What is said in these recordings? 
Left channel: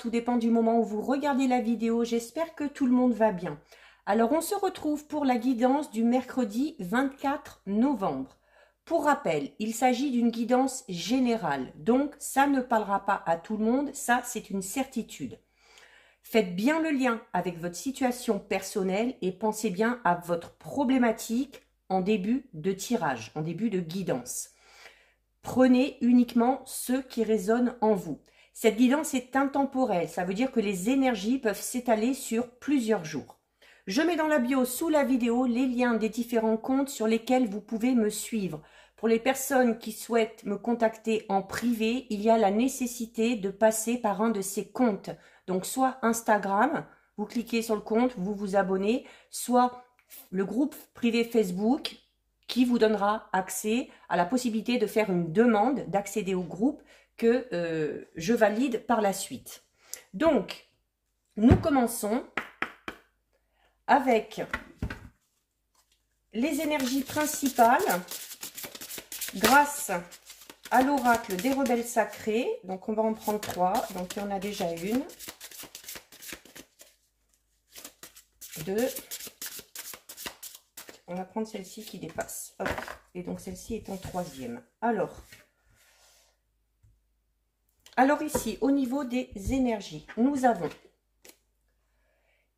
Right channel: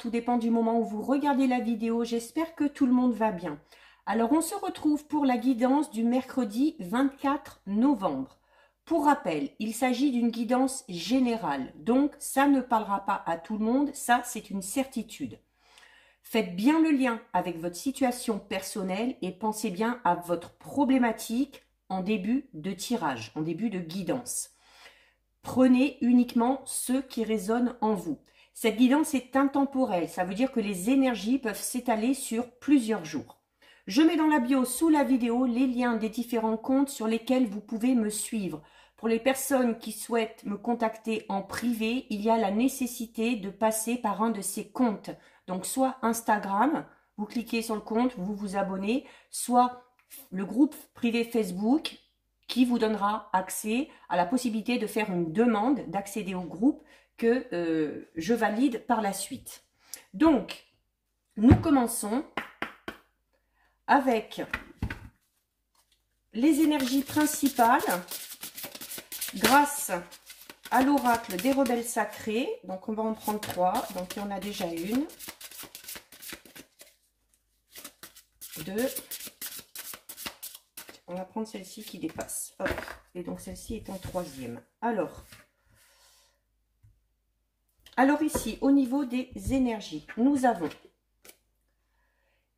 tout dépend du moment où vous regardez la vidéo. J'espère que tout le monde va bien. Alors, on se retrouve pour la guidance du mercredi 24 novembre. Pour rappel, il s'agit d'une guidance générale, donc ça ne parlera pas à tout le monde, ça c'est une certitude. Faites bien le lien avec votre situation personnelle et pensez bien à votre problématique en début de tirage, en début de guidance. Prenez uniquement ceux qui résonnent en vous. Cette guidance est intemporelle, ça veut dire que les énergies peuvent s'étaler sur plusieurs jours. Je mets dans la bio sous la vidéo les liens des différents comptes sur lesquels vous pouvez me suivre. Pour les personnes qui souhaitent me contacter en privé, il y a la nécessité de passer par un de ces comptes. Donc soit Instagram, vous cliquez sur le compte, vous vous abonnez, soit le groupe privé Facebook qui vous donnera accès à la possibilité de faire une demande d'accéder au groupe que je valide par la suite. Donc, nous commençons avec les énergies principales grâce à l'oracle des rebelles sacrés. Donc, on va en prendre 3. Donc, il y en a déjà une, 2. On va prendre celle-ci qui dépasse. Hop. Et donc, celle-ci est en 3e. Alors ici, au niveau des énergies, nous avons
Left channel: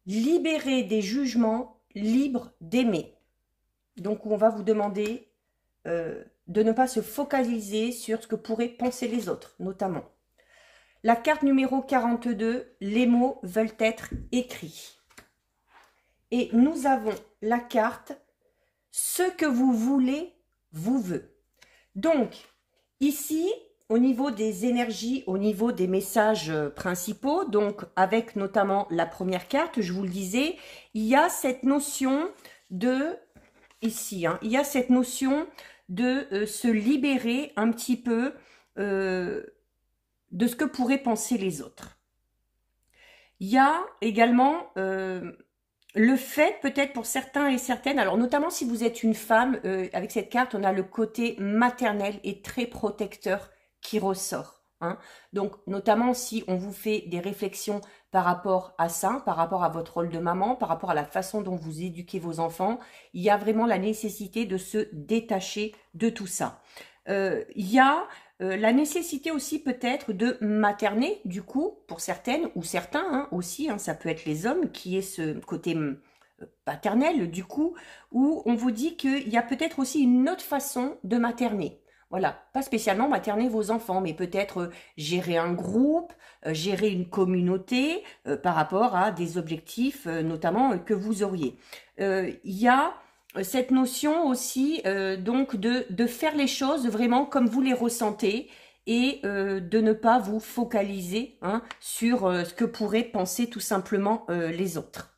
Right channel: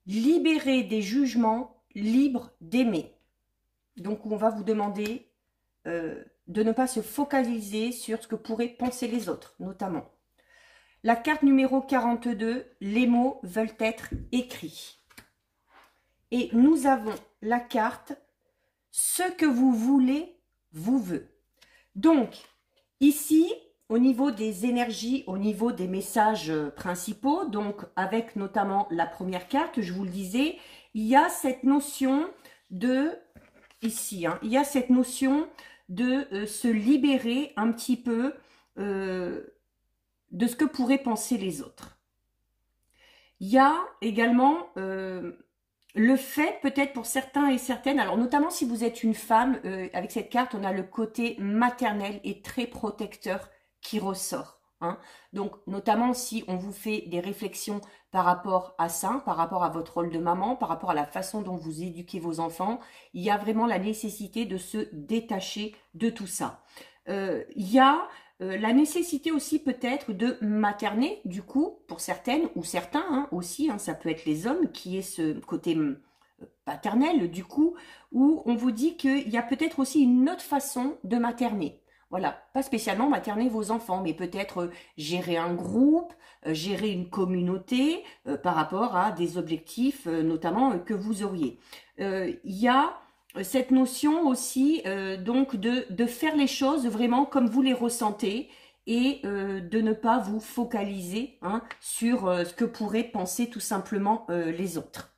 libérer des jugements, libre d'aimer. Donc, on va vous demander de ne pas se focaliser sur ce que pourraient penser les autres, notamment. La carte numéro 42, les mots veulent être écrits. Et nous avons la carte, ce que vous voulez, vous veut. Donc, ici, au niveau des énergies, au niveau des messages principaux, donc avec notamment la première carte, je vous le disais, il y a cette notion de, ici, il y a cette notion de se libérer un petit peu de ce que pourraient penser les autres. Il y a également le fait, peut-être pour certains et certaines, alors notamment si vous êtes une femme, avec cette carte, on a le côté maternel et très protecteur qui ressort. Donc, notamment si on vous fait des réflexions par rapport à ça, par rapport à votre rôle de maman, par rapport à la façon dont vous éduquez vos enfants, il y a vraiment la nécessité de se détacher de tout ça. Il y a la nécessité aussi peut-être de materner, du coup, pour certaines ou certains aussi, ça peut être les hommes, qui est ce côté paternel, du coup, où on vous dit qu'il y a peut-être aussi une autre façon de materner. Voilà, pas spécialement materner vos enfants, mais peut-être gérer un groupe, gérer une communauté par rapport à des objectifs notamment que vous auriez. Il y a cette notion aussi donc de faire les choses vraiment comme vous les ressentez et de ne pas vous focaliser sur ce que pourraient penser tout simplement les autres.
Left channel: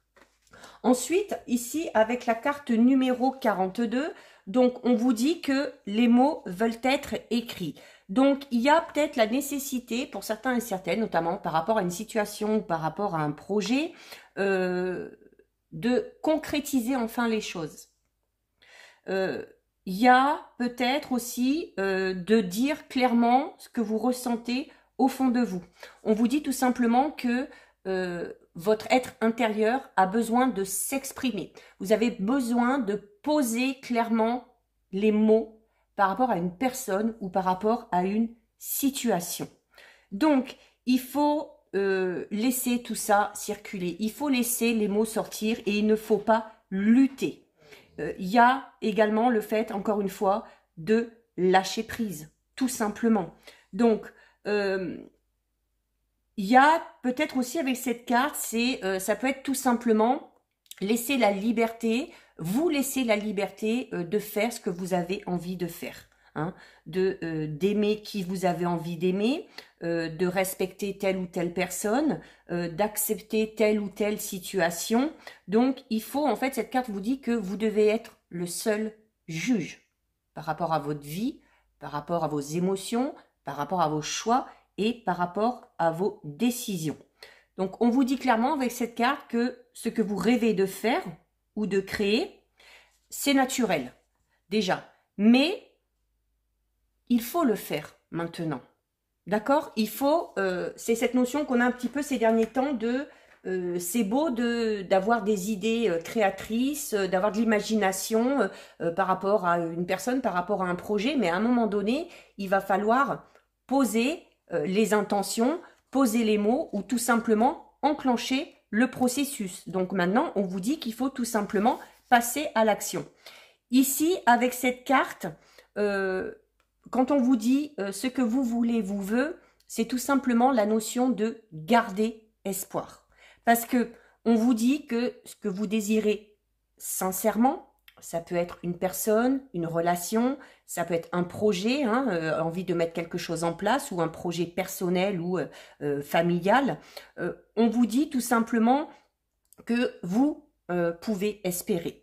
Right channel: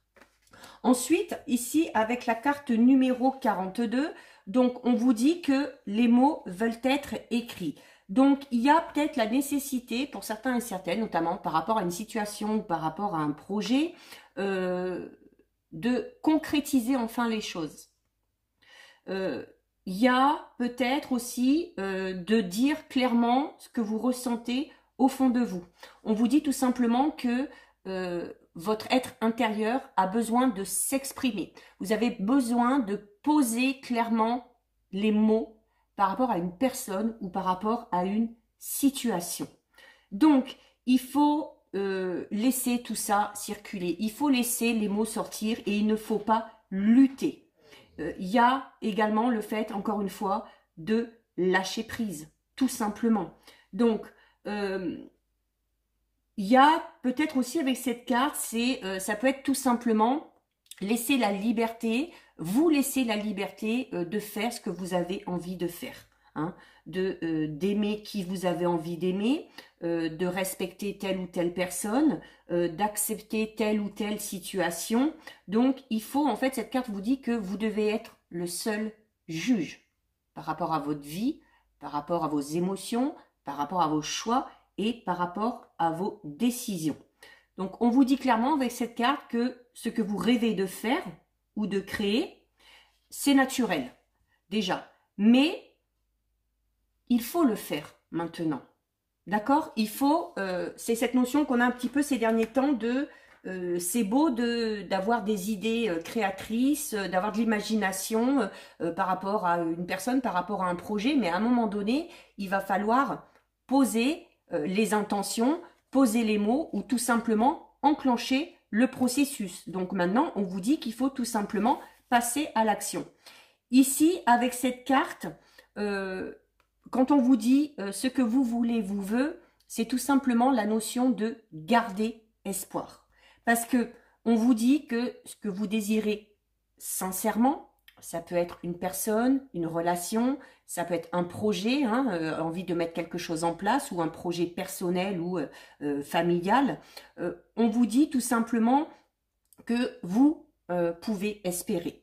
Ensuite, ici, avec la carte numéro 42, donc on vous dit que les mots veulent être écrits. Donc, il y a peut-être la nécessité, pour certains et certaines, notamment par rapport à une situation, par rapport à un projet, de concrétiser enfin les choses. Il y a peut-être aussi de dire clairement ce que vous ressentez au fond de vous. On vous dit tout simplement que votre être intérieur a besoin de s'exprimer. Vous avez besoin de poser clairement les mots par rapport à une personne ou par rapport à une situation. Donc, il faut laisser tout ça circuler. Il faut laisser les mots sortir et il ne faut pas lutter. Il y a également le fait, encore une fois, de lâcher prise, tout simplement. Donc, il y a peut-être aussi avec cette carte, ça peut être tout simplement laisser la liberté, vous laisser la liberté de faire ce que vous avez envie de faire, d'aimer qui vous avez envie d'aimer, de respecter telle ou telle personne, d'accepter telle ou telle situation. Donc, il faut, en fait, cette carte vous dit que vous devez être le seul juge par rapport à votre vie, par rapport à vos émotions, par rapport à vos choix et par rapport à vos décisions. Donc, on vous dit clairement avec cette carte que ce que vous rêvez de faire ou de créer, c'est naturel, déjà. Mais il faut le faire maintenant. D'accord? Il faut, c'est cette notion qu'on a un petit peu ces derniers temps de, c'est beau d'avoir des idées créatrices, d'avoir de l'imagination par rapport à une personne, par rapport à un projet, mais à un moment donné, il va falloir poser les intentions, poser les mots ou tout simplement enclencher le processus. Donc maintenant, on vous dit qu'il faut tout simplement passer à l'action. Ici, avec cette carte, quand on vous dit ce que vous voulez vous veut, c'est tout simplement la notion de garder espoir. Parce que on vous dit que ce que vous désirez sincèrement, ça peut être une personne, une relation, ça peut être un projet, hein, envie de mettre quelque chose en place, ou un projet personnel ou familial. On vous dit tout simplement que vous pouvez espérer.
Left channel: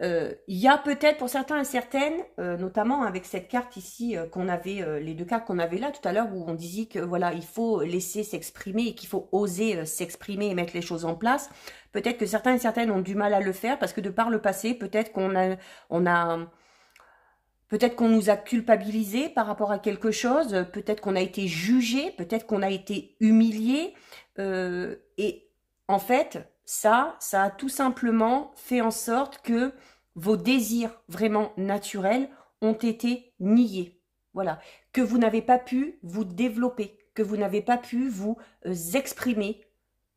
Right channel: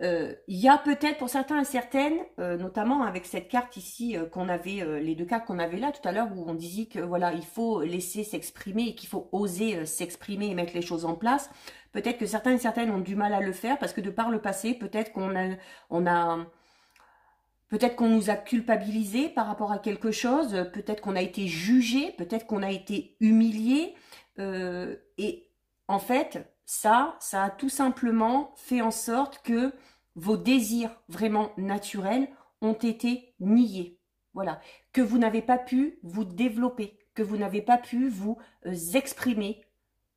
Il y a peut-être pour certains et certaines, notamment avec cette carte ici qu'on avait, les deux cartes qu'on avait là tout à l'heure où on disait que voilà, il faut laisser s'exprimer et qu'il faut oser s'exprimer et mettre les choses en place. Peut-être que certains et certaines ont du mal à le faire parce que de par le passé, peut-être peut-être qu'on nous a culpabilisés par rapport à quelque chose, peut-être qu'on a été jugé, peut-être qu'on a été humilié. Et en fait, ça a tout simplement fait en sorte que vos désirs vraiment naturels ont été niés. Voilà. Que vous n'avez pas pu vous développer, que vous n'avez pas pu vous exprimer,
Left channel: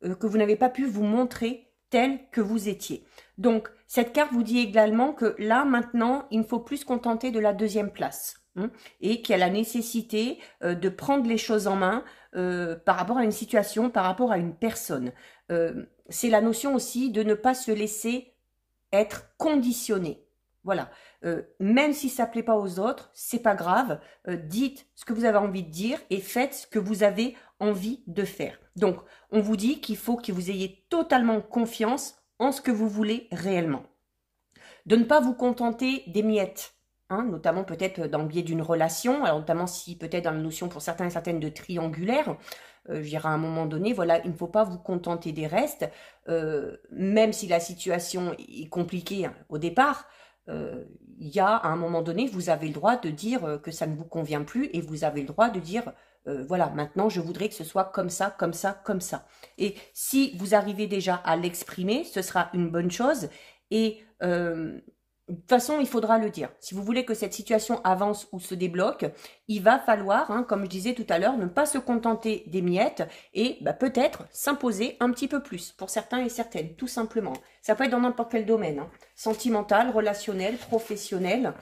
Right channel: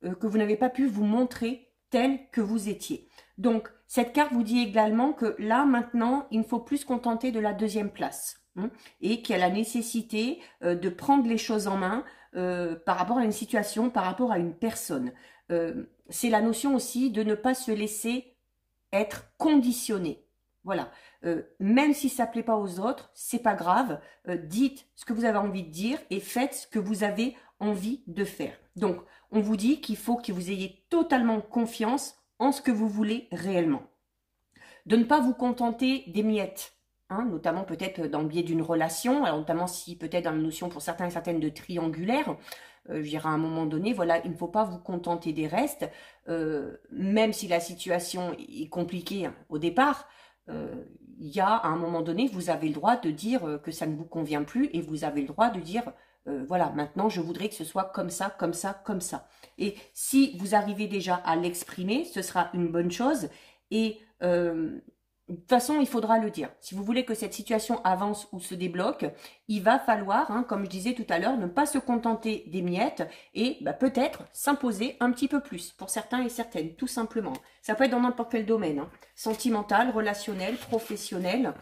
que vous n'avez pas pu vous montrer tel que vous étiez. Donc, cette carte vous dit également que là, maintenant, il ne faut plus se contenter de la deuxième place. Et qu'il y a la nécessité de prendre les choses en main par rapport à une situation, par rapport à une personne. C'est la notion aussi de ne pas se laisser être conditionné. Voilà. Même si ça ne plaît pas aux autres, c'est pas grave. Dites ce que vous avez envie de dire et faites ce que vous avez envie de faire. Donc, on vous dit qu'il faut que vous ayez totalement confiance en ce que vous voulez réellement. De ne pas vous contenter des miettes, hein, notamment peut-être dans le biais d'une relation, alors notamment si peut-être dans la notion pour certains et certaines de triangulaire, je dirais à un moment donné, voilà, il ne faut pas vous contenter des restes, même si la situation est compliquée hein, au départ, il y a à un moment donné, vous avez le droit de dire que ça ne vous convient plus et vous avez le droit de dire, voilà, maintenant je voudrais que ce soit comme ça, comme ça, comme ça. Et si vous arrivez déjà à l'exprimer, ce sera une bonne chose et de toute façon, il faudra le dire. Si vous voulez que cette situation avance ou se débloque, il va falloir, hein, comme je disais tout à l'heure, ne pas se contenter des miettes et bah, peut-être s'imposer un petit peu plus pour certains et certaines, tout simplement. Ça peut être dans n'importe quel domaine, hein, sentimental, relationnel, professionnel.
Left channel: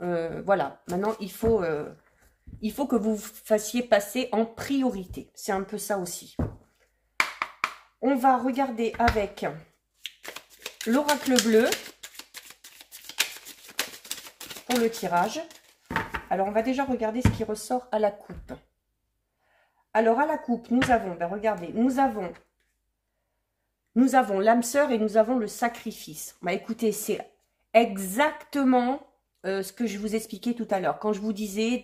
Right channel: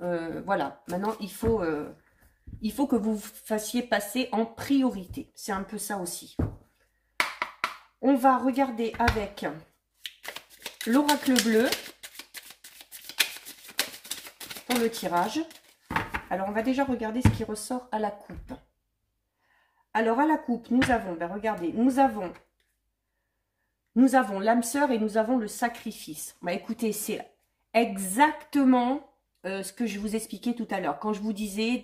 Voilà, maintenant il faut que vous fassiez passer en priorité. C'est un peu ça aussi. On va regarder avec l'oracle bleu. Pour le tirage. Alors, on va déjà regarder ce qui ressort à la coupe. Alors, à la coupe, nous avons, ben regardez, nous avons l'âme sœur et nous avons le sacrifice. Bah, écoutez, c'est exactement ce que je vous expliquais tout à l'heure. Quand je vous disais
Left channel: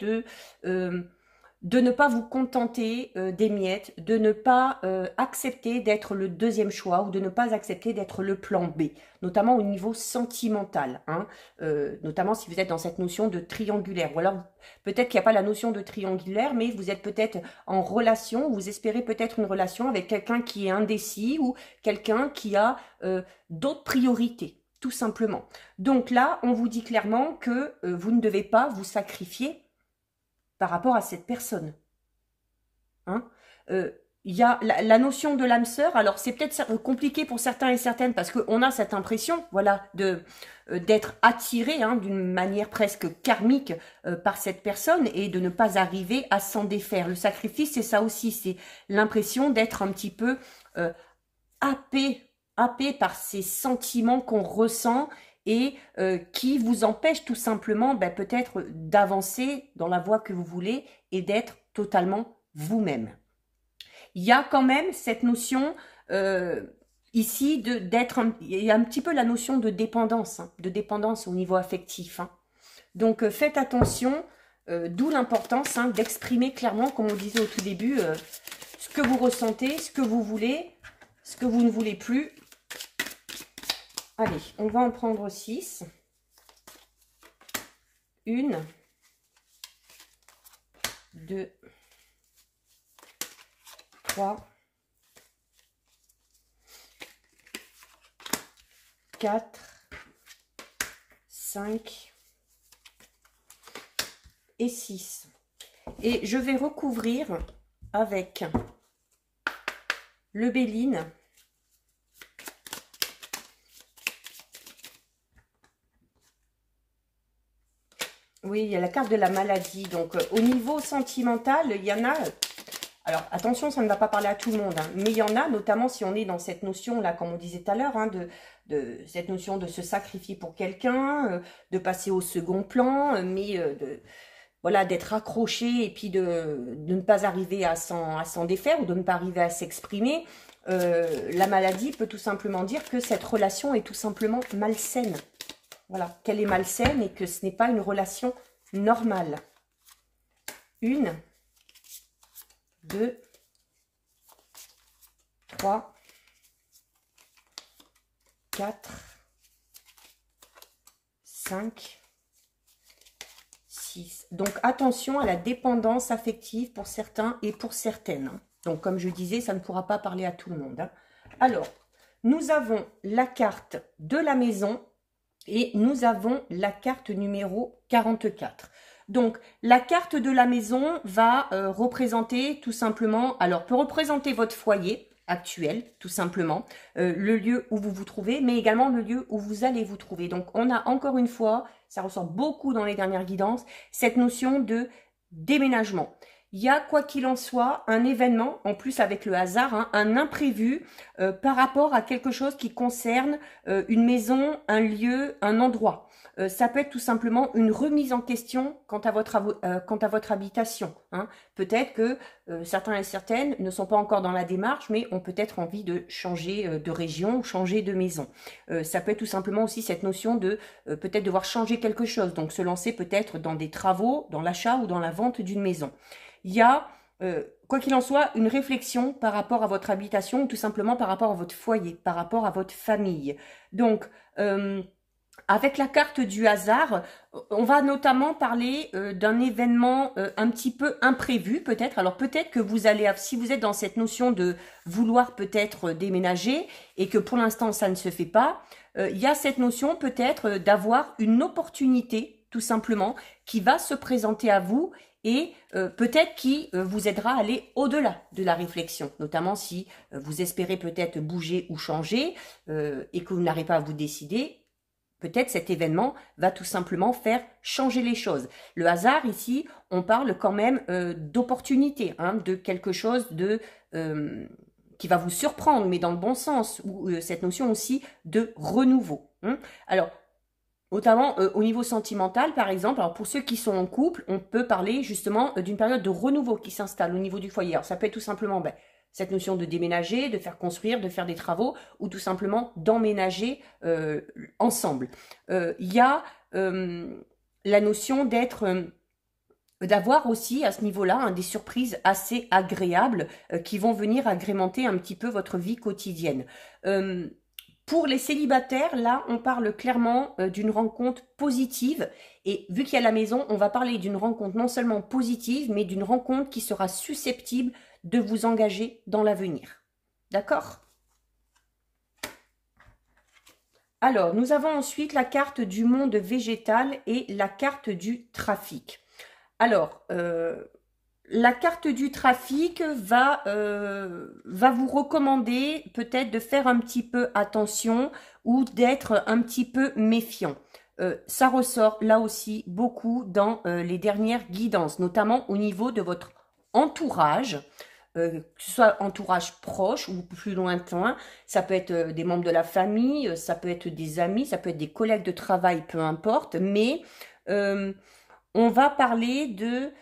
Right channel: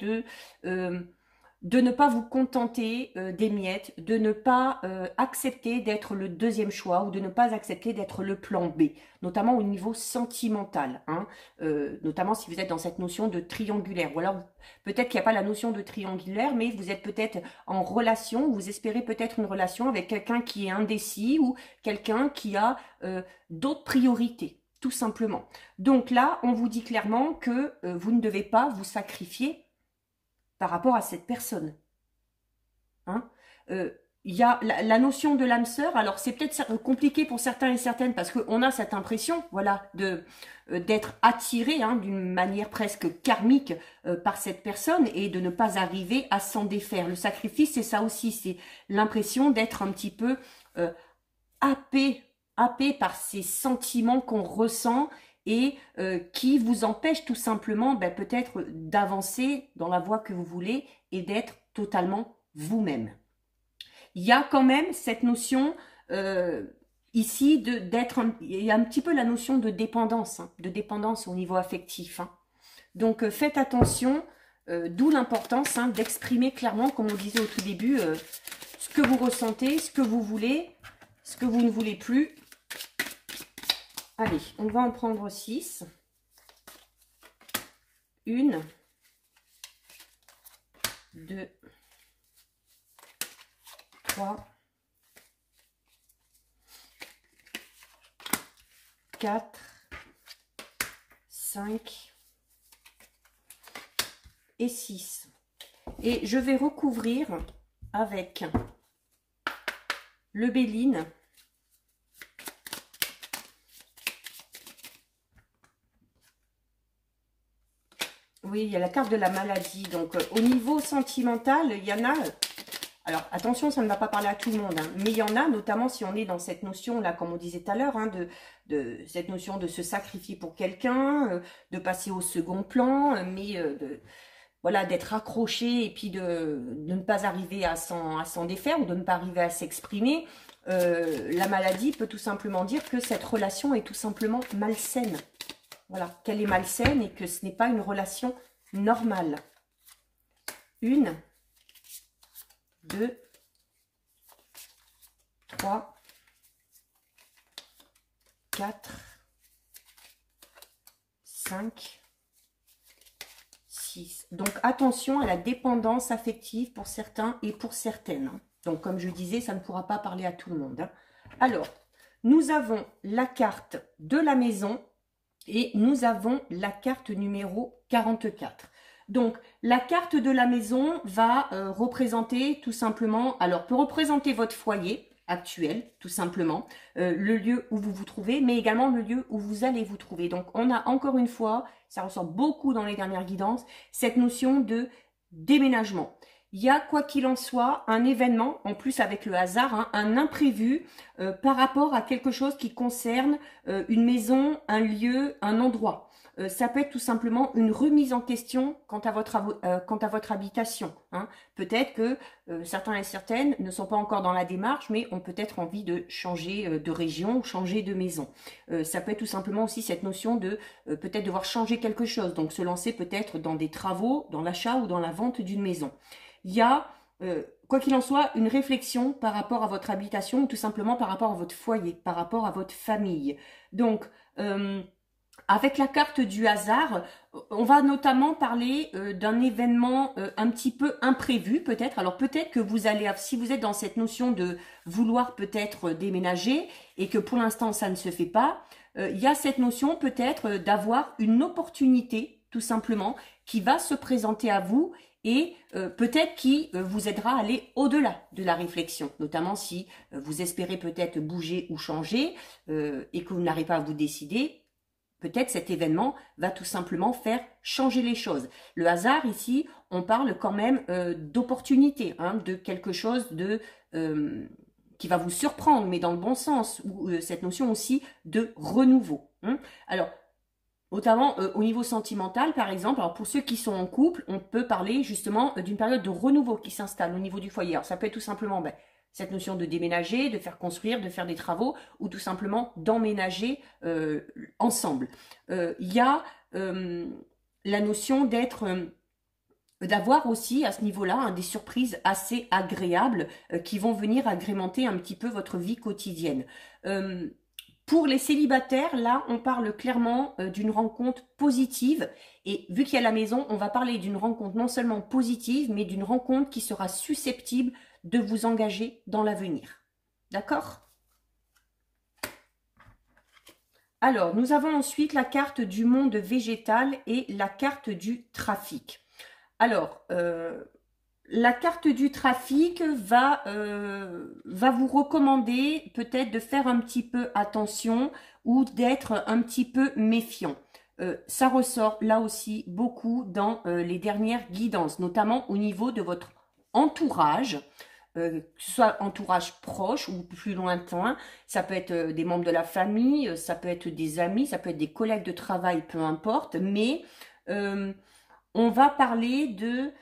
de ne pas vous contenter des miettes, de ne pas accepter d'être le deuxième choix ou de ne pas accepter d'être le plan B, notamment au niveau sentimental, hein, notamment si vous êtes dans cette notion de triangulaire. Ou alors, peut-être qu'il n'y a pas la notion de triangulaire, mais vous êtes peut-être en relation, vous espérez peut-être une relation avec quelqu'un qui est indécis ou quelqu'un qui a d'autres priorités, tout simplement. Donc là, on vous dit clairement que vous ne devez pas vous sacrifier par rapport à cette personne. Hein, il y a la notion de l'âme sœur. Alors, c'est peut-être compliqué pour certains et certaines parce qu'on a cette impression, voilà, d'être attiré hein, d'une manière presque karmique par cette personne et de ne pas arriver à s'en défaire. Le sacrifice, c'est ça aussi, c'est l'impression d'être un petit peu happé par ces sentiments qu'on ressent et qui vous empêche tout simplement peut-être d'avancer dans la voie que vous voulez et d'être totalement vous-même. Il y a quand même cette notion ici il y a un petit peu la notion de dépendance, hein, de dépendance au niveau affectif. Hein. Donc faites attention, d'où l'importance hein, d'exprimer clairement, comme on disait au tout début, ce que vous ressentez, ce que vous voulez, ce que vous ne voulez plus. Allez, on va en prendre 6. 1, 2, 3, 4, 5 et 6. Et je vais recouvrir avec le Béline. Oui, il y a la carte de la maladie. Donc, au niveau sentimental, il y en a... Alors, attention, ça ne va pas parler à tout le monde, hein, mais il y en a, notamment si on est dans cette notion-là, comme on disait tout à l'heure, hein, de cette notion de se sacrifier pour quelqu'un, de passer au second plan, mais voilà, d'être accroché et puis de ne pas arriver à s'en défaire ou de ne pas arriver à s'exprimer. La maladie peut tout simplement dire que cette relation est tout simplement malsaine. Voilà, qu'elle est malsaine et que ce n'est pas une relation normale. 1, 2, 3, 4, 5, 6. Donc, attention à la dépendance affective pour certains et pour certaines. Donc, comme je disais, ça ne pourra pas parler à tout le monde. Alors, nous avons la carte de la maison et nous avons la carte numéro 44. Donc, la carte de la maison va représenter tout simplement, alors peut représenter votre foyer actuel, tout simplement, le lieu où vous vous trouvez, mais également le lieu où vous allez vous trouver. Donc, on a encore une fois, ça ressort beaucoup dans les dernières guidances, cette notion de déménagement. Il y a, quoi qu'il en soit, un événement, en plus avec le hasard, hein, un imprévu par rapport à quelque chose qui concerne une maison, un lieu, un endroit. Ça peut être tout simplement une remise en question quant à votre habitation. Hein. Peut-être que certains et certaines ne sont pas encore dans la démarche, mais ont peut-être envie de changer de région ou changer de maison. Ça peut être tout simplement aussi cette notion de peut-être devoir changer quelque chose, donc se lancer peut-être dans des travaux, dans l'achat ou dans la vente d'une maison. Il y a, quoi qu'il en soit, une réflexion par rapport à votre habitation ou tout simplement par rapport à votre foyer, par rapport à votre famille. Donc, avec la carte du hasard, on va notamment parler d'un événement un petit peu imprévu peut-être. Alors peut-être que vous allez, si vous êtes dans cette notion de vouloir peut-être déménager et que pour l'instant ça ne se fait pas, il y a cette notion peut-être d'avoir une opportunité tout simplement qui va se présenter à vous et peut-être qui vous aidera à aller au-delà de la réflexion, notamment si vous espérez peut-être bouger ou changer et que vous n'arrivez pas à vous décider. Peut-être cet événement va tout simplement faire changer les choses. Le hasard, ici, on parle quand même d'opportunité, hein, de quelque chose qui va vous surprendre, mais dans le bon sens, ou cette notion aussi de renouveau. Hein. Alors, notamment au niveau sentimental, par exemple, alors pour ceux qui sont en couple, on peut parler justement d'une période de renouveau qui s'installe au niveau du foyer. Alors, ça peut être tout simplement... cette notion de déménager, de faire construire, de faire des travaux ou tout simplement d'emménager ensemble. Il y a la notion d'avoir aussi à ce niveau-là hein, des surprises assez agréables qui vont venir agrémenter un petit peu votre vie quotidienne. Pour les célibataires, là, on parle clairement d'une rencontre positive. Et vu qu'il y a la maison, on va parler d'une rencontre non seulement positive, mais d'une rencontre qui sera susceptible de vous engager dans l'avenir. D'accord? Alors, nous avons ensuite la carte du monde végétal et la carte du trafic. Alors, la carte du trafic va vous recommander peut-être de faire un petit peu attention ou d'être un petit peu méfiant. Ça ressort là aussi beaucoup dans les dernières guidances, notamment au niveau de votre entourage, que ce soit entourage proche ou plus lointain. Ça peut être des membres de la famille, ça peut être des amis, ça peut être des collègues de travail, peu importe, mais on va parler de...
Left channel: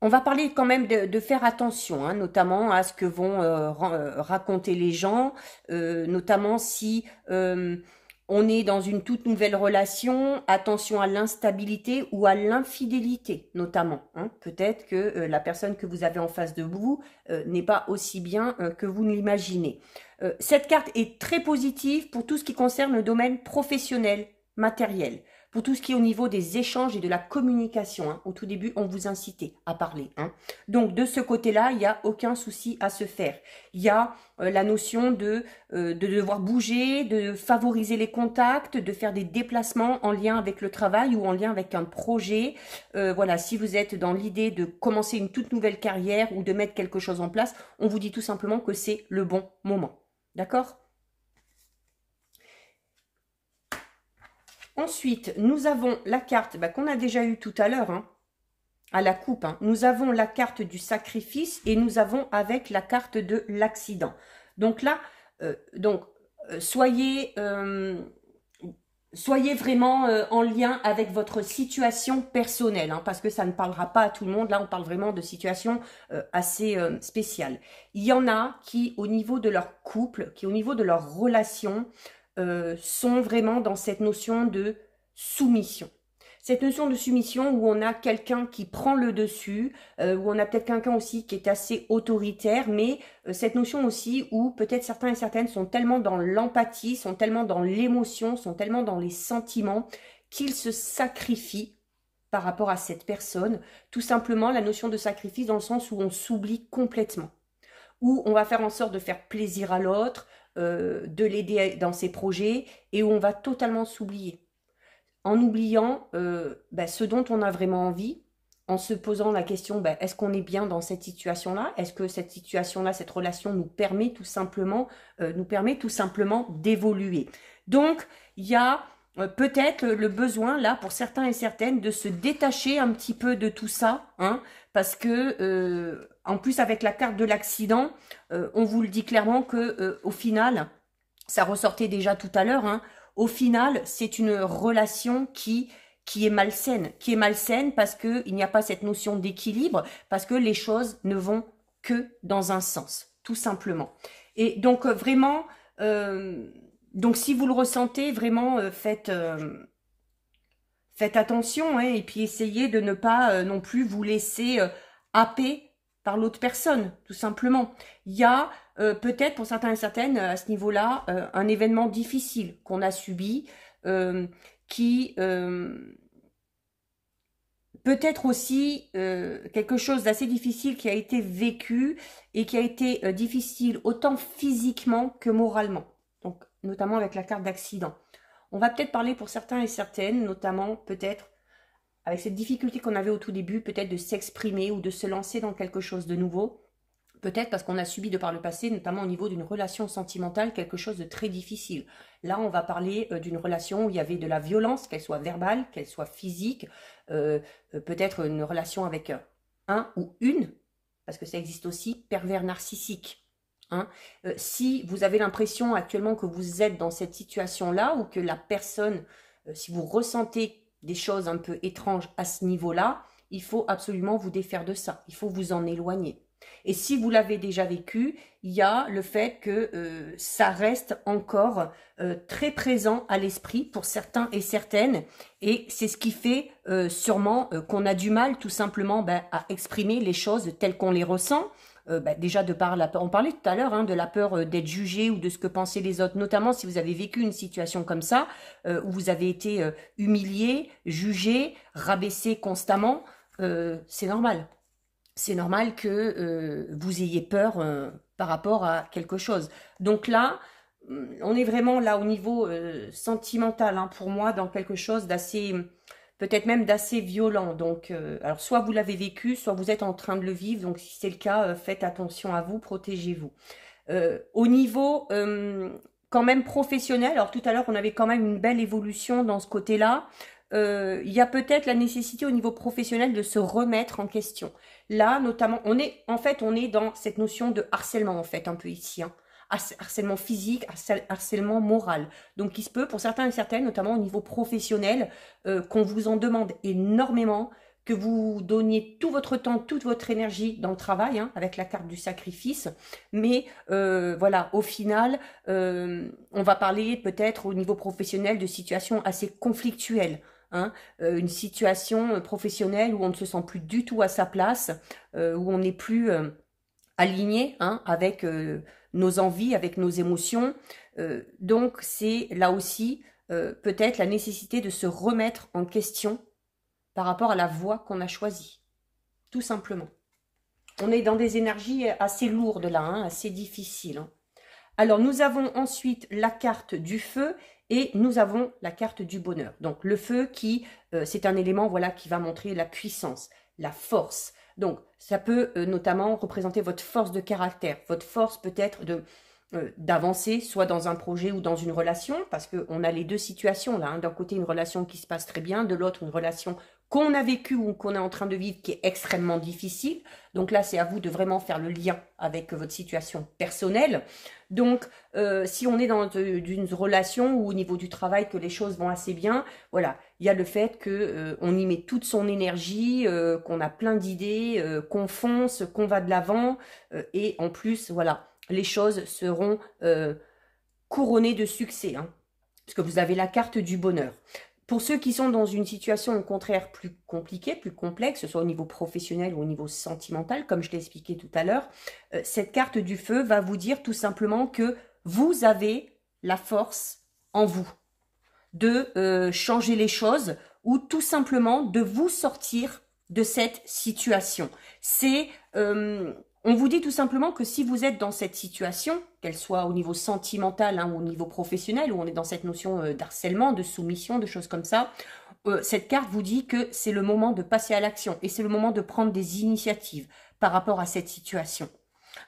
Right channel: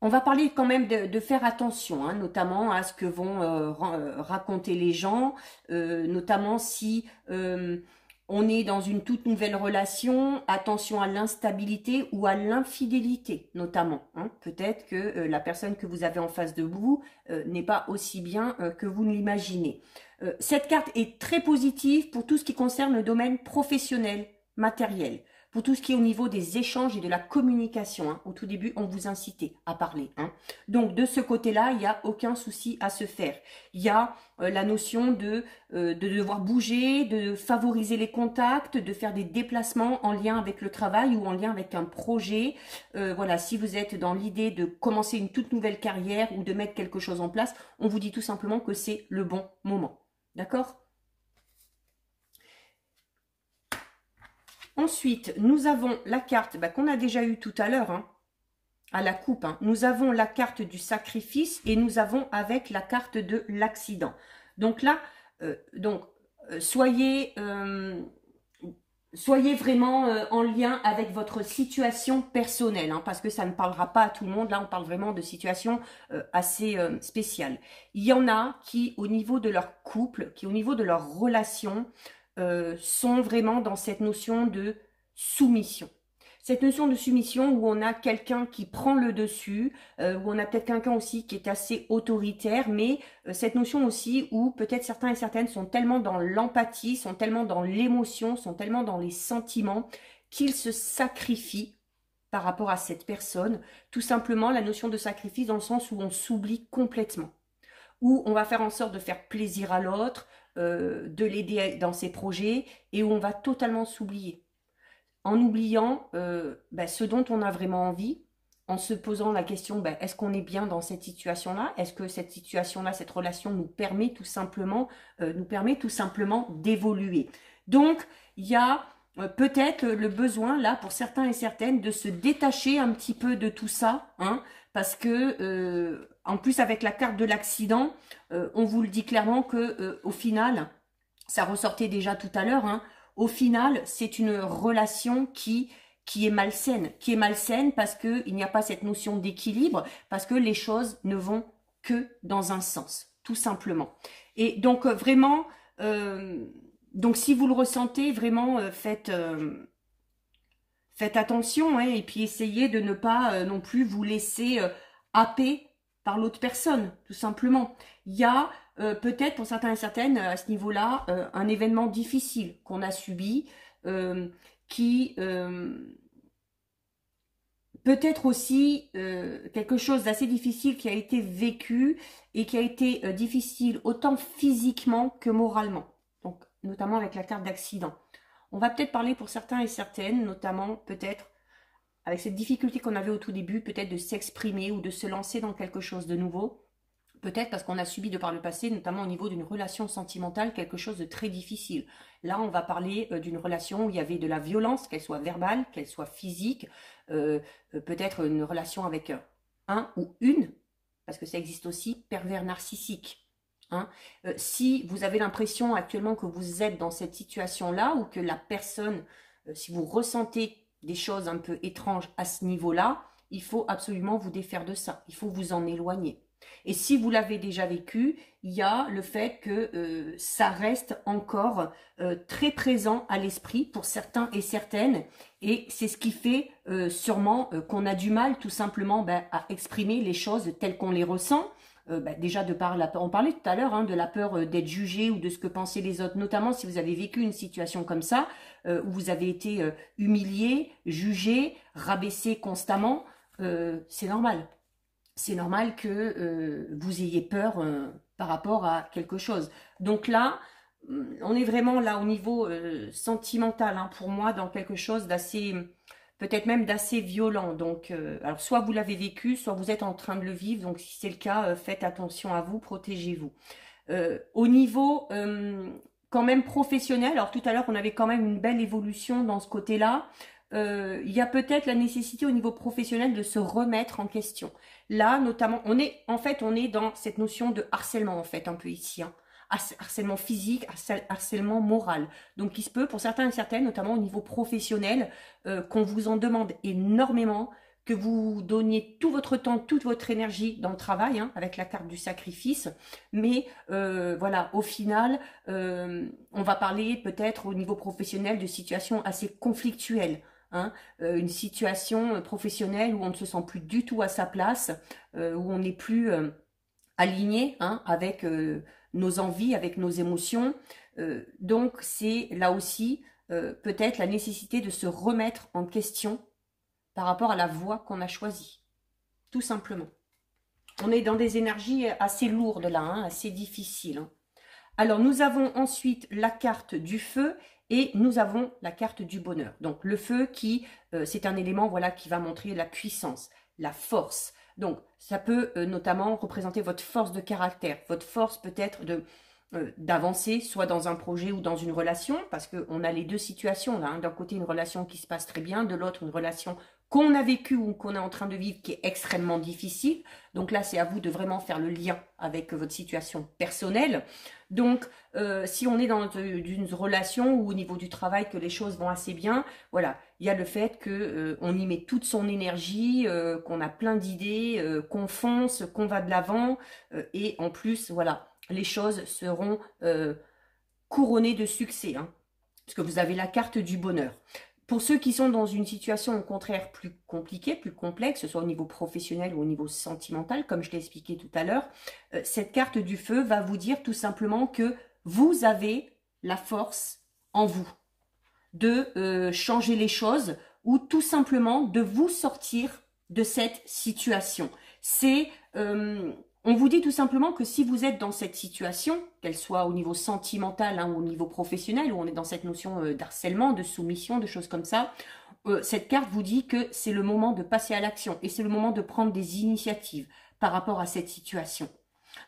on va parler quand même de faire attention, hein, notamment à ce que vont raconter les gens, notamment si on est dans une toute nouvelle relation, attention à l'instabilité ou à l'infidélité notamment. Hein. Peut-être que la personne que vous avez en face de vous n'est pas aussi bien que vous ne l'imaginez. Cette carte est très positive pour tout ce qui concerne le domaine professionnel, matériel. pour tout ce qui est au niveau des échanges et de la communication. Hein. Au tout début, on vous incitait à parler. Hein. Donc, de ce côté-là, il n'y a aucun souci à se faire. Il y a la notion de devoir bouger, de favoriser les contacts, de faire des déplacements en lien avec le travail ou en lien avec un projet. Voilà, si vous êtes dans l'idée de commencer une toute nouvelle carrière ou de mettre quelque chose en place, on vous dit tout simplement que c'est le bon moment. D'accord ? Ensuite, nous avons la carte qu'on a déjà eue tout à l'heure, hein, à la coupe. Hein. Nous avons la carte du sacrifice et nous avons avec la carte de l'accident. Donc là, soyez vraiment en lien avec votre situation personnelle, hein, parce que ça ne parlera pas à tout le monde. Là, on parle vraiment de situations assez spéciales. Il y en a qui, au niveau de leur couple, qui au niveau de leur relation, sont vraiment dans cette notion de soumission. Cette notion de soumission où on a quelqu'un qui prend le dessus, où on a peut-être quelqu'un aussi qui est assez autoritaire, mais cette notion aussi où peut-être certains et certaines sont tellement dans l'empathie, sont tellement dans l'émotion, sont tellement dans les sentiments qu'ils se sacrifient par rapport à cette personne. Tout simplement la notion de sacrifice dans le sens où on s'oublie complètement, où on va faire en sorte de faire plaisir à l'autre, de l'aider dans ses projets et où on va totalement s'oublier. En oubliant ce dont on a vraiment envie, en se posant la question, est-ce qu'on est bien dans cette situation-là? Est-ce que cette situation-là, cette relation nous permet tout simplement d'évoluer? Donc, il y a peut-être le besoin, là, pour certains et certaines, de se détacher un petit peu de tout ça, hein, parce que, en plus, avec la carte de l'accident, on vous le dit clairement que, au final, ça ressortait déjà tout à l'heure, hein, au final, c'est une relation qui est malsaine parce qu'il n'y a pas cette notion d'équilibre, parce que les choses ne vont que dans un sens, tout simplement. Et donc, vraiment, donc si vous le ressentez, vraiment, faites attention, hein, et puis essayez de ne pas non plus vous laisser happer par l'autre personne, tout simplement. Il y a peut-être pour certains et certaines à ce niveau-là un événement difficile qu'on a subi, qui peut-être aussi quelque chose d'assez difficile qui a été vécu et qui a été difficile autant physiquement que moralement, donc notamment avec la carte d'accident. On va peut-être parler pour certains et certaines, notamment peut-être avec cette difficulté qu'on avait au tout début, peut-être de s'exprimer ou de se lancer dans quelque chose de nouveau. Peut-être parce qu'on a subi de par le passé, notamment au niveau d'une relation sentimentale, quelque chose de très difficile. Là, on va parler d'une relation où il y avait de la violence, qu'elle soit verbale, qu'elle soit physique, peut-être une relation avec un ou une, parce que ça existe aussi, pervers narcissique. Hein. Si vous avez l'impression actuellement que vous êtes dans cette situation-là, ou que la personne, si vous ressentez des choses un peu étranges à ce niveau-là, il faut absolument vous défaire de ça, il faut vous en éloigner. Et si vous l'avez déjà vécu, il y a le fait que ça reste encore très présent à l'esprit pour certains et certaines. Et c'est ce qui fait sûrement qu'on a du mal tout simplement à exprimer les choses telles qu'on les ressent. Déjà de par la peur, on parlait tout à l'heure hein, de la peur d'être jugé ou de ce que pensaient les autres, notamment si vous avez vécu une situation comme ça, où vous avez été humilié, jugé, rabaissé constamment, c'est normal. C'est normal que vous ayez peur par rapport à quelque chose. Donc là, on est vraiment là au niveau sentimental, hein, pour moi, dans quelque chose d'assez, peut-être même d'assez violent. Donc, alors soit vous l'avez vécu, soit vous êtes en train de le vivre. Donc, si c'est le cas, faites attention à vous, protégez-vous. Au niveau quand même professionnel, alors tout à l'heure, on avait quand même une belle évolution dans ce côté-là. Il y a peut-être la nécessité au niveau professionnel de se remettre en question. Là, notamment, on est dans cette notion de harcèlement, en fait, un peu ici. Hein. Harcèlement physique, harcèlement moral. Donc, il se peut, pour certains et certaines, notamment au niveau professionnel, qu'on vous en demande énormément, que vous donniez tout votre temps, toute votre énergie dans le travail, hein, avec la carte du sacrifice. Mais voilà, au final, on va parler peut-être au niveau professionnel de situations assez conflictuelles. Hein, une situation professionnelle où on ne se sent plus du tout à sa place, où on n'est plus aligné hein, avec nos envies, avec nos émotions. Donc c'est là aussi peut-être la nécessité de se remettre en question par rapport à la voie qu'on a choisie, tout simplement. On est dans des énergies assez lourdes là, hein, assez difficiles. Hein. Alors, nous avons ensuite la carte du feu et nous avons la carte du bonheur. Donc, le feu c'est un élément voilà, qui va montrer la puissance, la force. Donc, ça peut notamment représenter votre force de caractère, votre force peut-être d'avancer, soit dans un projet ou dans une relation, parce qu'on a les deux situations là. Hein. D'un côté, une relation qui se passe très bien, de l'autre, une relation qu'on a vécue ou qu'on est en train de vivre qui est extrêmement difficile. Donc là, c'est à vous de vraiment faire le lien avec votre situation personnelle. Donc, si on est dans une relation ou au niveau du travail que les choses vont assez bien, voilà, il y a le fait qu'on y met toute son énergie, qu'on a plein d'idées, qu'on fonce, qu'on va de l'avant, et en plus, voilà, les choses seront couronnées de succès, hein, parce que vous avez la carte du bonheur. Pour ceux qui sont dans une situation au contraire plus compliquée, plus complexe, que ce soit au niveau professionnel ou au niveau sentimental, comme je l'ai expliqué tout à l'heure, cette carte du feu va vous dire tout simplement que vous avez la force en vous de changer les choses ou tout simplement de vous sortir de cette situation. On vous dit tout simplement que si vous êtes dans cette situation, qu'elle soit au niveau sentimental hein, ou au niveau professionnel, où on est dans cette notion d'harcèlement, de soumission, de choses comme ça, cette carte vous dit que c'est le moment de passer à l'action et c'est le moment de prendre des initiatives par rapport à cette situation.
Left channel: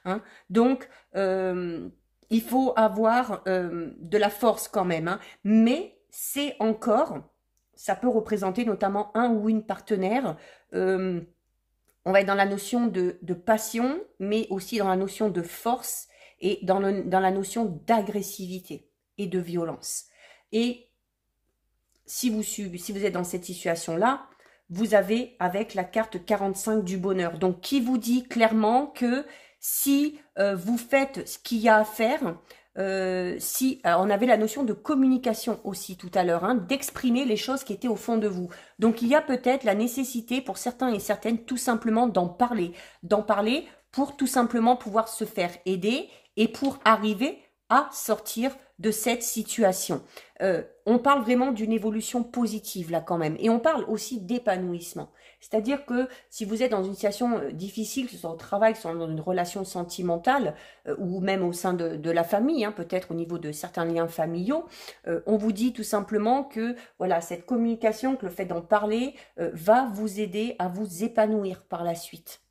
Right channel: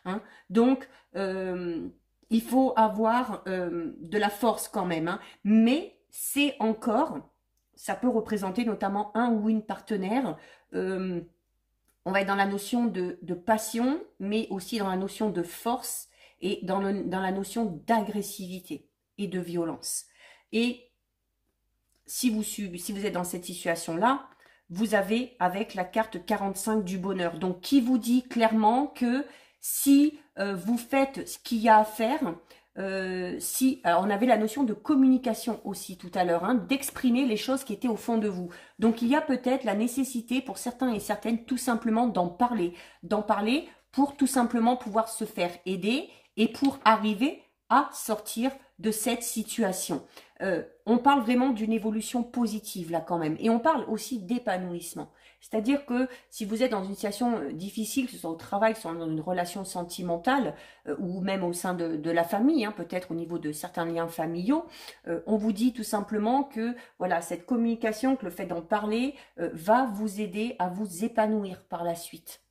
Hein. Donc, il faut avoir de la force quand même, hein, mais c'est encore, ça peut représenter notamment un ou une partenaire. On va être dans la notion de passion, mais aussi dans la notion de force et dans la notion d'agressivité et de violence. Et si vous êtes dans cette situation-là, vous avez avec la carte 45 du bonheur. Donc, qui vous dit clairement que si vous faites ce qu'il y a à faire, on avait la notion de communication aussi tout à l'heure, hein, d'exprimer les choses qui étaient au fond de vous. Donc, il y a peut-être la nécessité pour certains et certaines tout simplement d'en parler pour tout simplement pouvoir se faire aider et pour arriver à sortir de cette situation. On parle vraiment d'une évolution positive là quand même et on parle aussi d'épanouissement. C'est-à-dire que si vous êtes dans une situation difficile, que ce soit au travail, que ce soit dans une relation sentimentale ou même au sein de la famille, hein, peut-être au niveau de certains liens familiaux, on vous dit tout simplement que voilà, cette communication, que le fait d'en parler va vous aider à vous épanouir par la suite.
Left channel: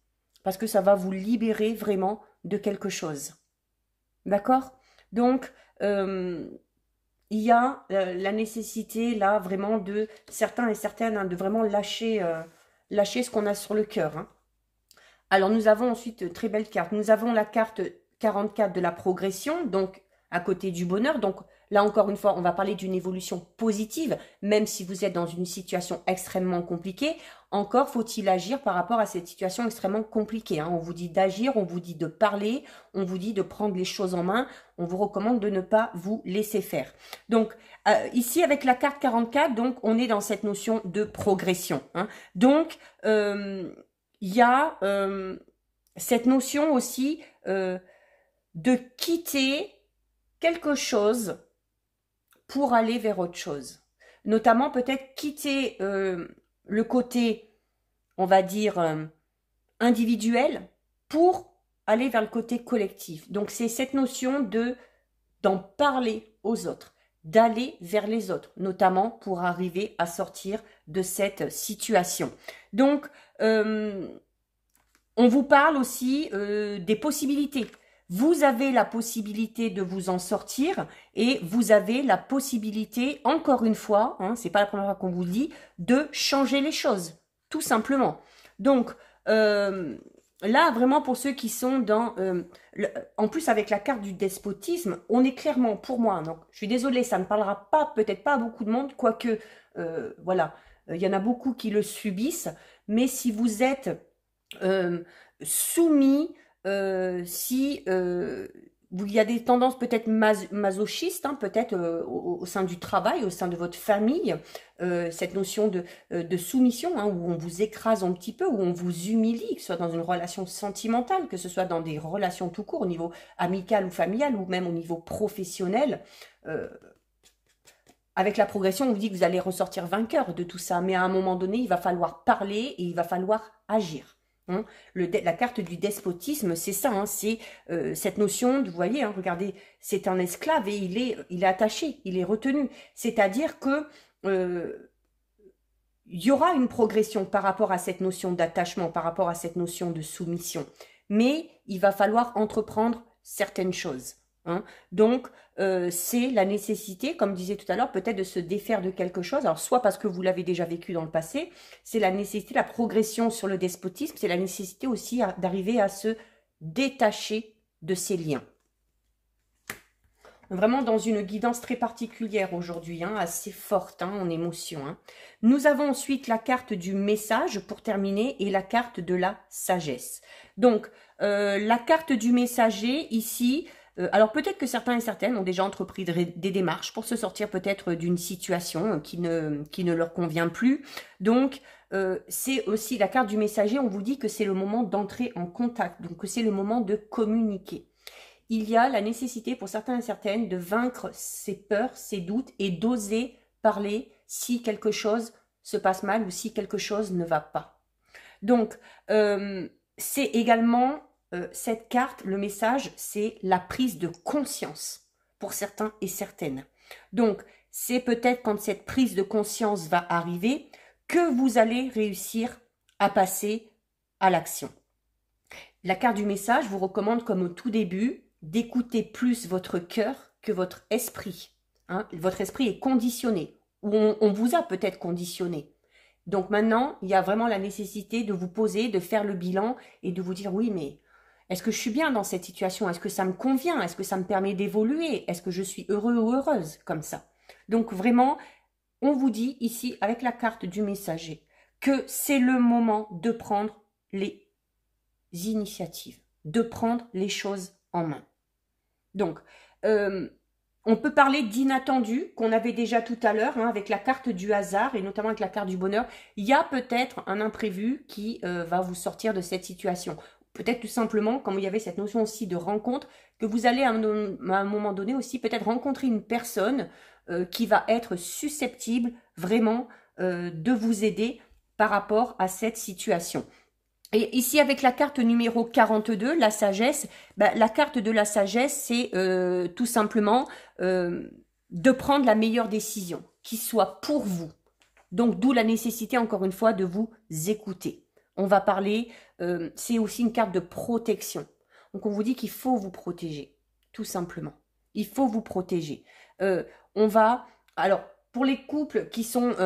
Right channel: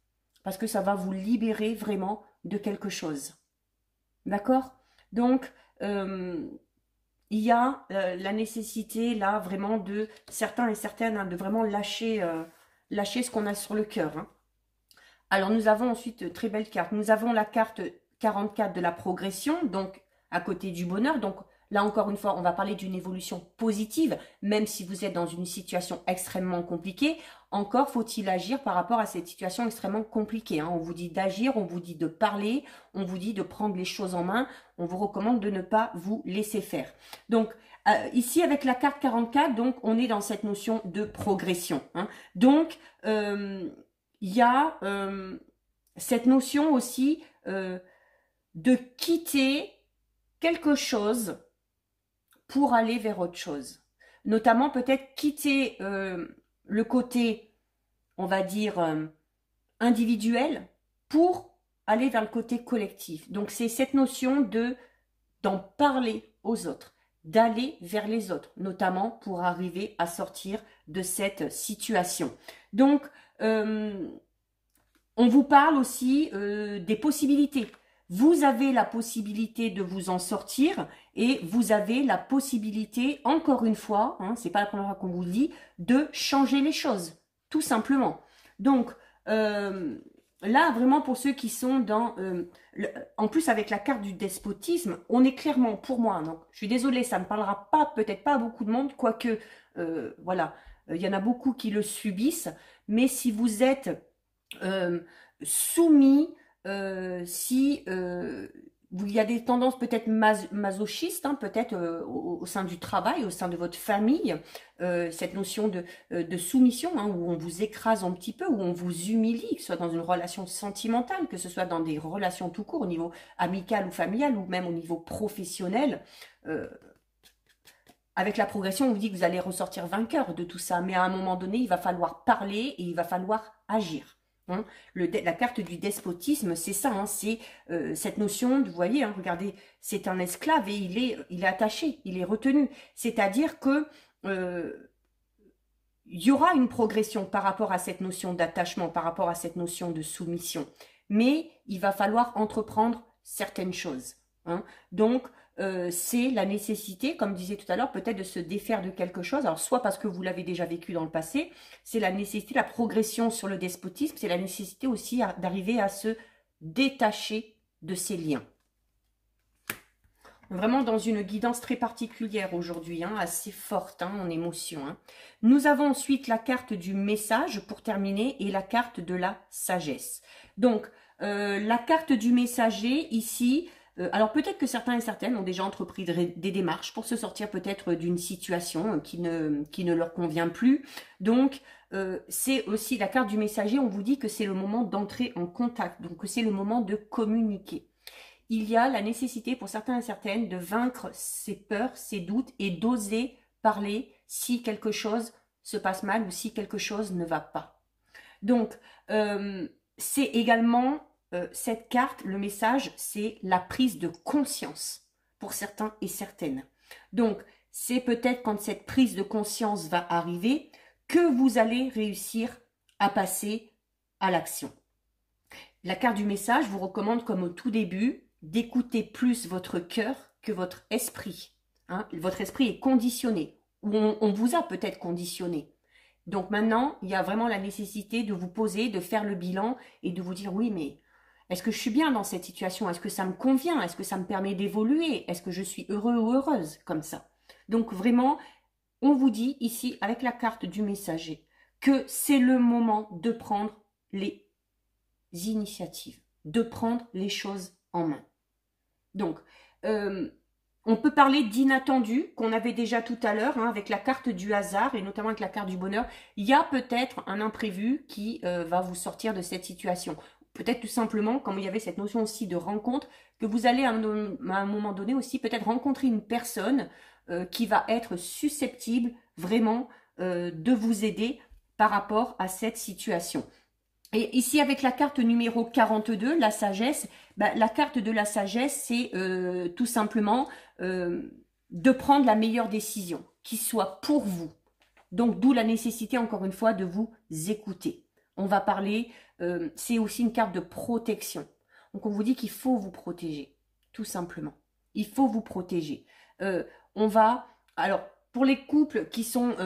Parce que ça va vous libérer vraiment de quelque chose. D'accord ? Donc, il y a la nécessité là vraiment de certains et certaines hein, de vraiment lâcher ce qu'on a sur le cœur. Hein. Alors nous avons ensuite très belle carte. Nous avons la carte 44 de la progression, donc à côté du bonheur. Donc là encore une fois, on va parler d'une évolution positive, même si vous êtes dans une situation extrêmement compliquée. Encore faut-il agir par rapport à cette situation extrêmement compliquée. Hein. On vous dit d'agir, on vous dit de parler, on vous dit de prendre les choses en main. On vous recommande de ne pas vous laisser faire. Donc, ici, avec la carte 44, donc, on est dans cette notion de progression. Hein. Donc, il y a cette notion aussi de quitter quelque chose pour aller vers autre chose. Notamment, peut-être quitter le côté, on va dire, individuel pour aller vers le côté collectif. Donc, c'est cette notion d'en parler aux autres, d'aller vers les autres, notamment pour arriver à sortir de cette situation. Donc, on vous parle aussi des possibilités. Vous avez la possibilité de vous en sortir et vous avez la possibilité, encore une fois, hein, c'est pas la première fois qu'on vous le dit, de changer les choses, tout simplement. Donc, là, vraiment, pour ceux qui sont dans... en plus, avec la carte du despotisme, on est clairement, pour moi, non, je suis désolée, ça ne parlera pas, peut-être pas à beaucoup de monde, quoique, voilà, il y en a beaucoup qui le subissent, mais si vous êtes soumis, il y a des tendances peut-être masochistes, hein, peut-être au sein du travail, au sein de votre famille, cette notion de soumission, hein, où on vous écrase un petit peu, où on vous humilie, que ce soit dans une relation sentimentale, que ce soit dans des relations tout court, au niveau amical ou familial, ou même au niveau professionnel. avec la progression, on vous dit que vous allez ressortir vainqueur de tout ça. Mais à un moment donné, il va falloir parler et il va falloir agir. Hein. La carte du despotisme, c'est ça. Hein, c'est cette notion, vous voyez, hein, regardez, c'est un esclave et il est attaché, il est retenu. C'est-à-dire que il y aura une progression par rapport à cette notion d'attachement, par rapport à cette notion de soumission. Mais il va falloir entreprendre certaines choses. Hein. Donc, c'est la nécessité, comme je disais tout à l'heure, peut-être de se défaire de quelque chose. Alors, soit parce que vous l'avez déjà vécu dans le passé, c'est la nécessité, la progression sur le despotisme, c'est la nécessité aussi d'arriver à se détacher de ces liens. Vraiment dans une guidance très particulière aujourd'hui, hein, assez forte hein, en émotion. Hein. Nous avons ensuite la carte du message pour terminer et la carte de la sagesse. Donc, la carte du messager ici, alors peut-être que certains et certaines ont déjà entrepris des démarches pour se sortir peut-être d'une situation qui ne leur convient plus. Donc, c'est aussi la carte du messager, on vous dit que c'est le moment d'entrer en contact, donc que c'est le moment de communiquer. Il y a la nécessité pour certains et certaines de vaincre ses peurs, ses doutes et d'oser parler si quelque chose se passe mal ou si quelque chose ne va pas. Donc, c'est également cette carte, le message, c'est la prise de conscience pour certains et certaines. Donc, c'est peut-être quand cette prise de conscience va arriver que vous allez réussir à passer à l'action. La carte du message vous recommande, comme au tout début, d'écouter plus votre cœur que votre esprit. Hein. Votre esprit est conditionné, ou on vous a peut-être conditionné. Donc maintenant, il y a vraiment la nécessité de vous poser, de faire le bilan et de vous dire, oui, mais est-ce que je suis bien dans cette situation? Est-ce que ça me convient? Est-ce que ça me permet d'évoluer? Est-ce que je suis heureux ou heureuse comme ça? Donc vraiment, on vous dit ici, avec la carte du messager, que c'est le moment de prendre les initiatives, de prendre les choses en main. Donc, on peut parler d'inattendu, qu'on avait déjà tout à l'heure, hein, avec la carte du hasard, et notamment avec la carte du bonheur. Il y a peut-être un imprévu qui va vous sortir de cette situation. Peut-être tout simplement, comme il y avait cette notion aussi de rencontre, que vous allez à un moment donné aussi peut-être rencontrer une personne qui va être susceptible vraiment de vous aider par rapport à cette situation. Et ici, avec la carte numéro 42, la sagesse, la carte de la sagesse, c'est tout simplement de prendre la meilleure décision, qui soit pour vous. Donc, d'où la nécessité, encore une fois, de vous écouter. On va parler, c'est aussi une carte de protection. Donc, on vous dit qu'il faut vous protéger, tout simplement. Il faut vous protéger. Alors, pour les couples qui sont...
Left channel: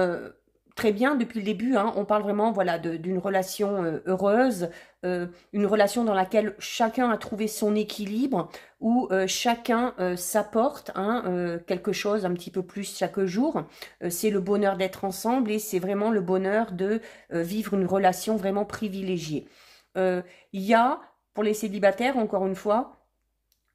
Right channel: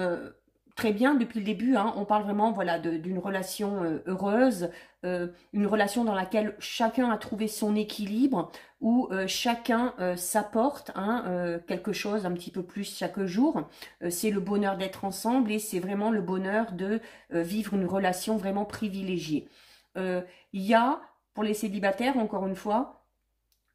très bien, depuis le début, hein, on parle vraiment voilà, d'une relation heureuse, une relation dans laquelle chacun a trouvé son équilibre, où chacun s'apporte hein, quelque chose un petit peu plus chaque jour. C'est le bonheur d'être ensemble et c'est vraiment le bonheur de vivre une relation vraiment privilégiée. Il y a, pour les célibataires, encore une fois,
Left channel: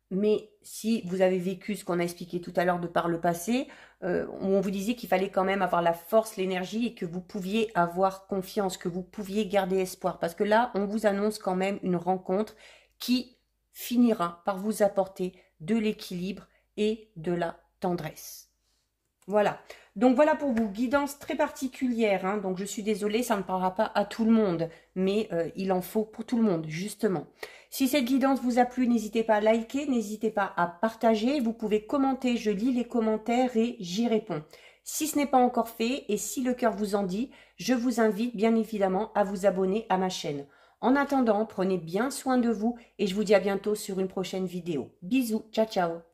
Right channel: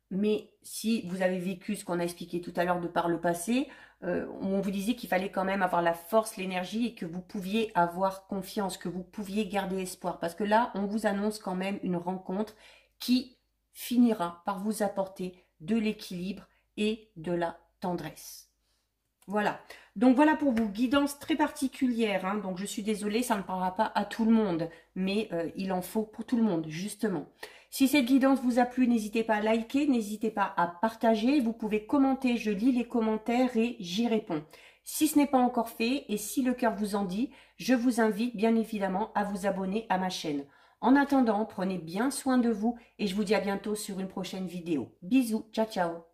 mais si vous avez vécu ce qu'on a expliqué tout à l'heure de par le passé, on vous disait qu'il fallait quand même avoir la force, l'énergie et que vous pouviez avoir confiance, que vous pouviez garder espoir. Parce que là, on vous annonce quand même une rencontre qui finira par vous apporter de l'équilibre et de la tendresse. Voilà. Donc voilà pour vous, guidance très particulière. Hein. Donc je suis désolée, ça ne parlera pas à tout le monde, mais il en faut pour tout le monde, justement. Si cette guidance vous a plu, n'hésitez pas à liker, n'hésitez pas à partager. Vous pouvez commenter, je lis les commentaires et j'y réponds. Si ce n'est pas encore fait et si le cœur vous en dit, je vous invite bien évidemment à vous abonner à ma chaîne. En attendant, prenez bien soin de vous et je vous dis à bientôt sur une prochaine vidéo. Bisous, ciao ciao.